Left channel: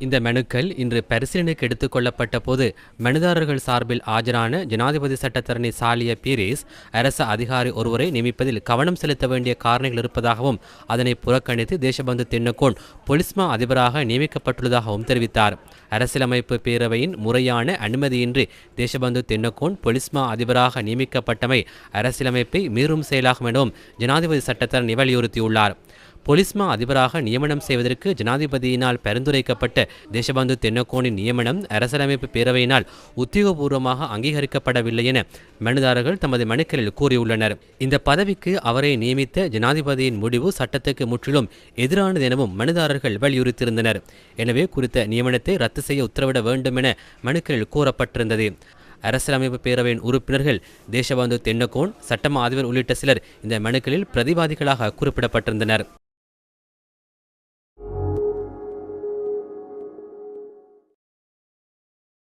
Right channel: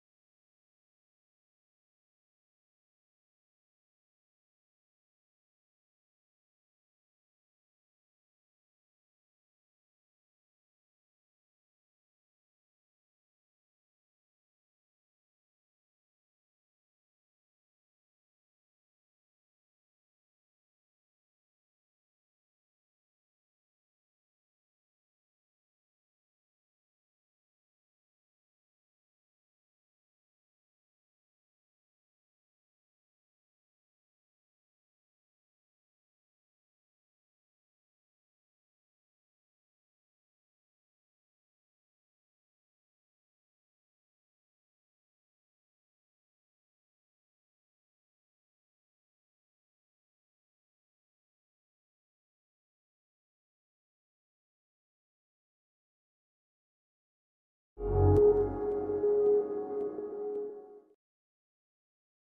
இந்த மனுக்கள் இன்று பரிசீலனைக்கு எடுத்துக் கொள்ளப்பட்ட போது மனுதாரர்கள் சார்பில் ஆஜரான ஜனாதிபதி சட்டத்தரணி சாலிய பீரிஸ் அரச அதிகாரி ஒருவரை நியமிப்பதில் கவனம் செலுத்த வேண்டிய காரணிகள் இருப்பதாகவும் அதனை புறக்கணித்து தேசபந்து தென்னக்கோன் பொலிஸ்மா அதிபராக நியமிக்கப்பட்டுள்ளதாகவும் தெரிவித்தார். அரசியலமைப்பு பேரவையின் முறையான அனுமதியின்றி தேசபந்து தென்னக்கோன் பொலிஸ்மா அதிபராக நியமிக்கப்பட்டமை அரசியலமைப்பை மீறும் செயலாகும் எனவும் ஜனாதிபதி சட்டத்தரணி வலியுறுத்தியுள்ளார். பொலிஸ்மா அதிபராக நியமனம் செய்வதற்கு ஜனாதிபதியினால் பரிந்துரைக்கப்பட்ட தேசபந்து தென்னக்கோனின் நியமனம் அரசியலமைப்பு பேரவையினால் உத்தியோகபூர்வமாக அங்கீகரிக்கப்படவில்லை என மனுதாரர்கள் தமது மனுக்களில் கூறியுள்ளனர். இந்த பதவிக்கு அவரை நியமித்த ஜனாதிபதியின் முடிவு சட்டத்துக்கு முற்றிலும் எதிரானது எனவும் மனுதாரர்கள் வலியுறுத்தியிருந்தனர். எனவே குறித்த நியமனத்தை ரத்து செய்ய உத்தரவிட வேண்டும் என மனுக்களில் கூறப்பட்டிருந்தது. அரசியலமைப்பு பேரவையின் உறுப்பினர்கள் தேசபந்து தென்னக்கோன் சட்டமா அதிபர் உள்ளிட்ட சிலர் இந்த மனுக்களில் பிரதிவாதிகளாக குறிப்பிடப்பட்டிருந்தனர்.